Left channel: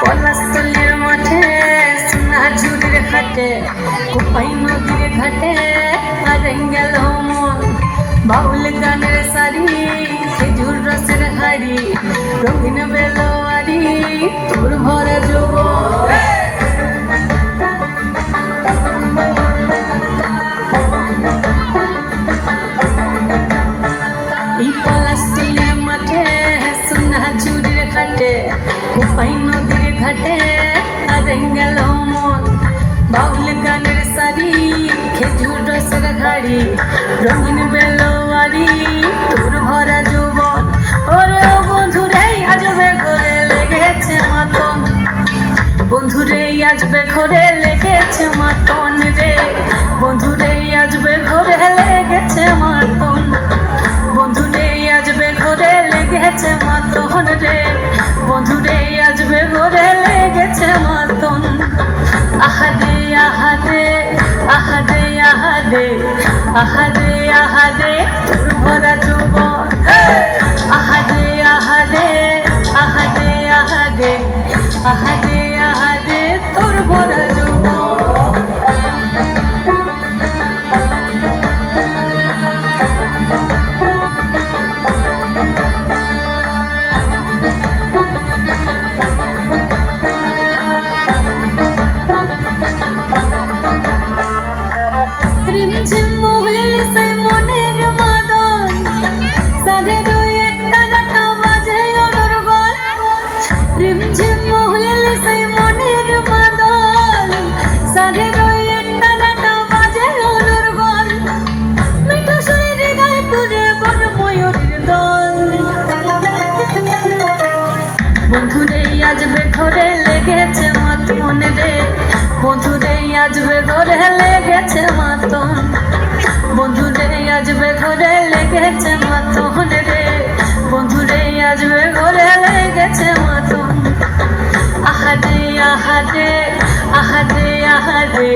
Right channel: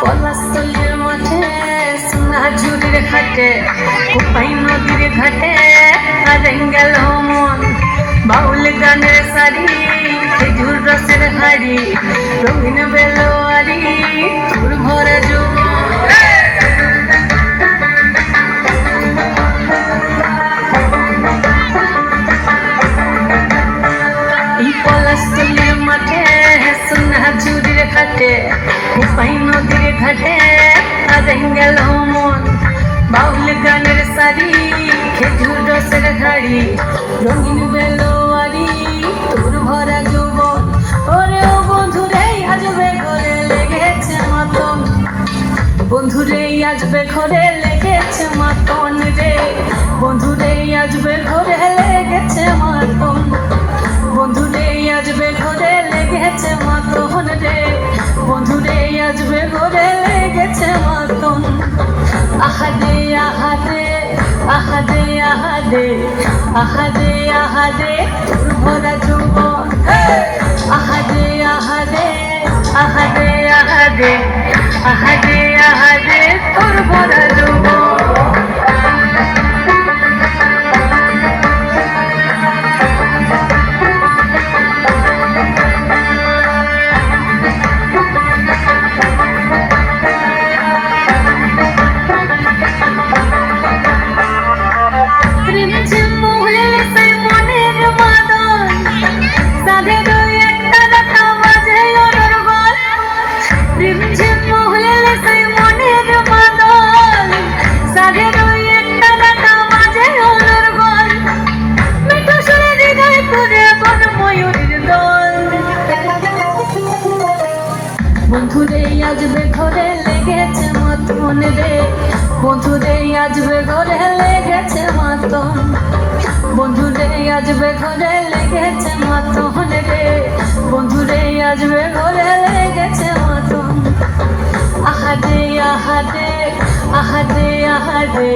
পলাশতলের মাঠে সোনা ঝুড়ির ঘাটে কোপাই নদীর ঘাটে হারিয়ে গেল মন বাউল গানের শাড়ি খেজুর রসের হাড়ি রঙিন বেলোয়ারি তোর ভরা যৌবন এই পলাশতলের মাঠে সোনা ঝুড়ির ঘাটে কোপাই নদীর ঘাটে হারিয়ে গেল মন বাউল গানের শাড়ি খেজুর রসের হাড়ি রঙিন বেলোয়ারি তোর ভরা যৌবন ওরে ও বন্ধুরে আজবে ঘরে লেগেছে মাতন বন্ধুরে আজবে ঘরে লেগেছে মাতন রে বন্ধুরে আজবে ঘরে লেগেছে মাতন বন্ধুরে আজবে ঘরে লেগেছে মাতন রে বন্ধুরে আজবে ঘরে লেগেছে মাতন আহাদে আহাদে আহাদে আহাদে আহাদে আহাদে তোর ভরা যৌবন আহাদে আহাদে আহাদে আহাদে আহাদে আহাদে তোর ভরা যৌবন রিমঝিম মহিল সেই মনের মাদন সাধে দুই একটা রাখা বাজে অনর্গল রিমঝিম মহিল সেই মনের মাদন সাধে দুই একটা রাখা বাজে অনর্গল মিঠু সুরে হৃদয় পুরে বন ময়ূরীর দল বন্ধুরে আজবে ঘরে লেগেছে মাতন রে বন্ধুরে আজবে ঘরে লেগেছে মাতন বন্ধুরে আজবে ঘরে লেগেছে মাতন রে বন্ধুরে আজবে ঘরে লেগেছে মাতন আহাদে আহাদে আহাদে আহাদে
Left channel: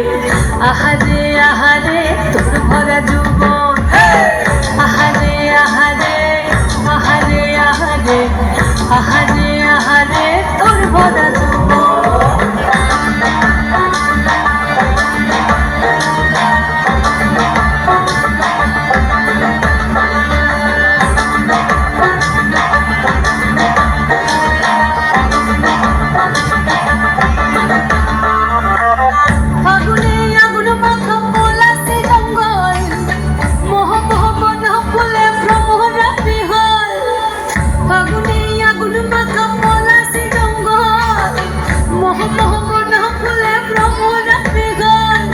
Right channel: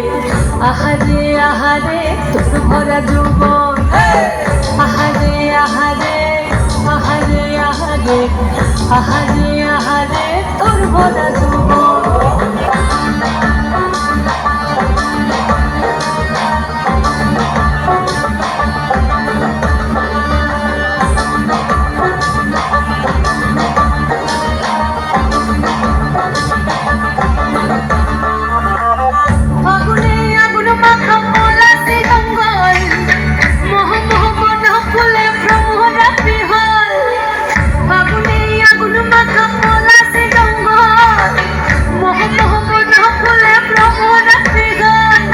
আহাদে আহাদে তোর ভরা যৌবন আহাদে আহাদে আহাদে আহাদে আহাদে আহাদে তোর ভরা যৌবন ফাগুনে আগুন মাখা পলাশে জঙ্গল মোহ মোহ বন ফুলে ভ্রমরা বিহল ফাগুনে আগুন মাখা পলাশে জঙ্গল মোহ মোহ বন ফুলে ভ্রমরা বিহল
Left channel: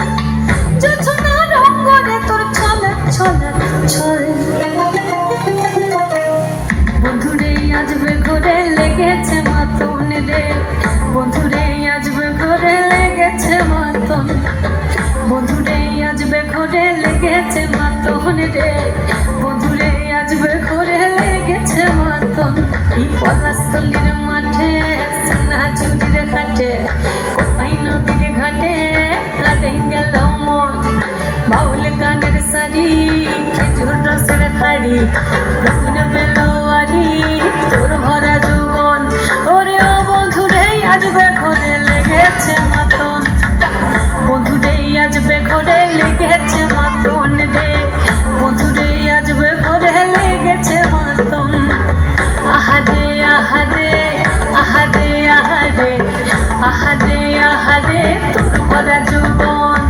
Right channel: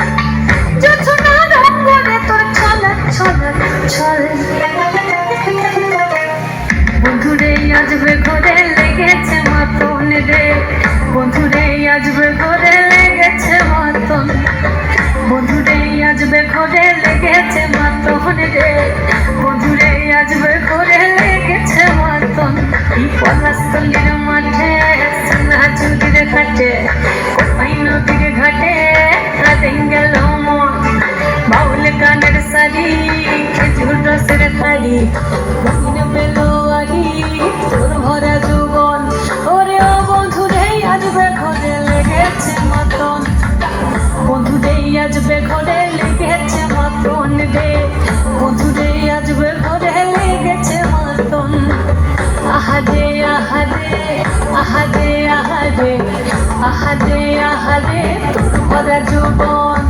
জোছনা রঙ্গরে তোর ছলক ছলক ছল বন্ধুরে আজবে ঘরে লেগেছে মাতন রে বন্ধুরে আজবে ঘরে লেগেছে মাতন বন্ধুরে আজবে ঘরে লেগেছে মাতন রে বন্ধুরে আজবে ঘরে লেগেছে মাতন এই পলাশতলের মাঠে সোনা ঝুড়ির ঘাটে কোপাই নদীর ঘাটে হারিয়ে গেল মন বাউল গানের শাড়ি খেজুর রসের হাড়ি রঙিন বেলোয়ারি তোর ভরা যৌবন ওরে ও বন্ধুরে আজবে ঘরে লেগেছে মাতন বন্ধুরে আজবে ঘরে লেগেছে মাতন রে বন্ধুরে আজবে ঘরে লেগেছে মাতন আহাদে আহাদে আহাদে আহাদে আহাদে আহাদে তোর ভরা যৌবন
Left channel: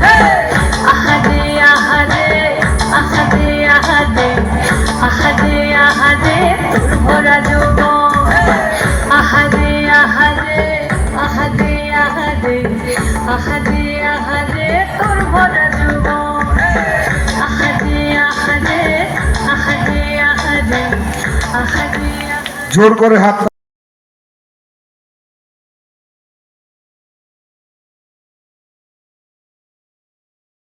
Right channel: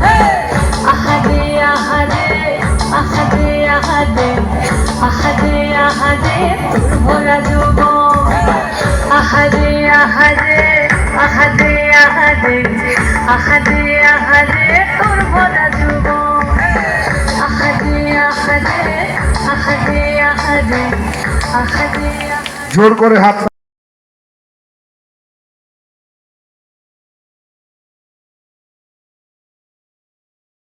আহাদে আহাদে আহাদে আহাদে আহাদে আহাদে তোর ভরা যৌবন আহাদে আহাদে আহাদে আহাদে আহাদে আহাদে তোর ভরা যৌবন আহাদে আহাদে আহাদে আহাদে আহাদে জোর করে হাত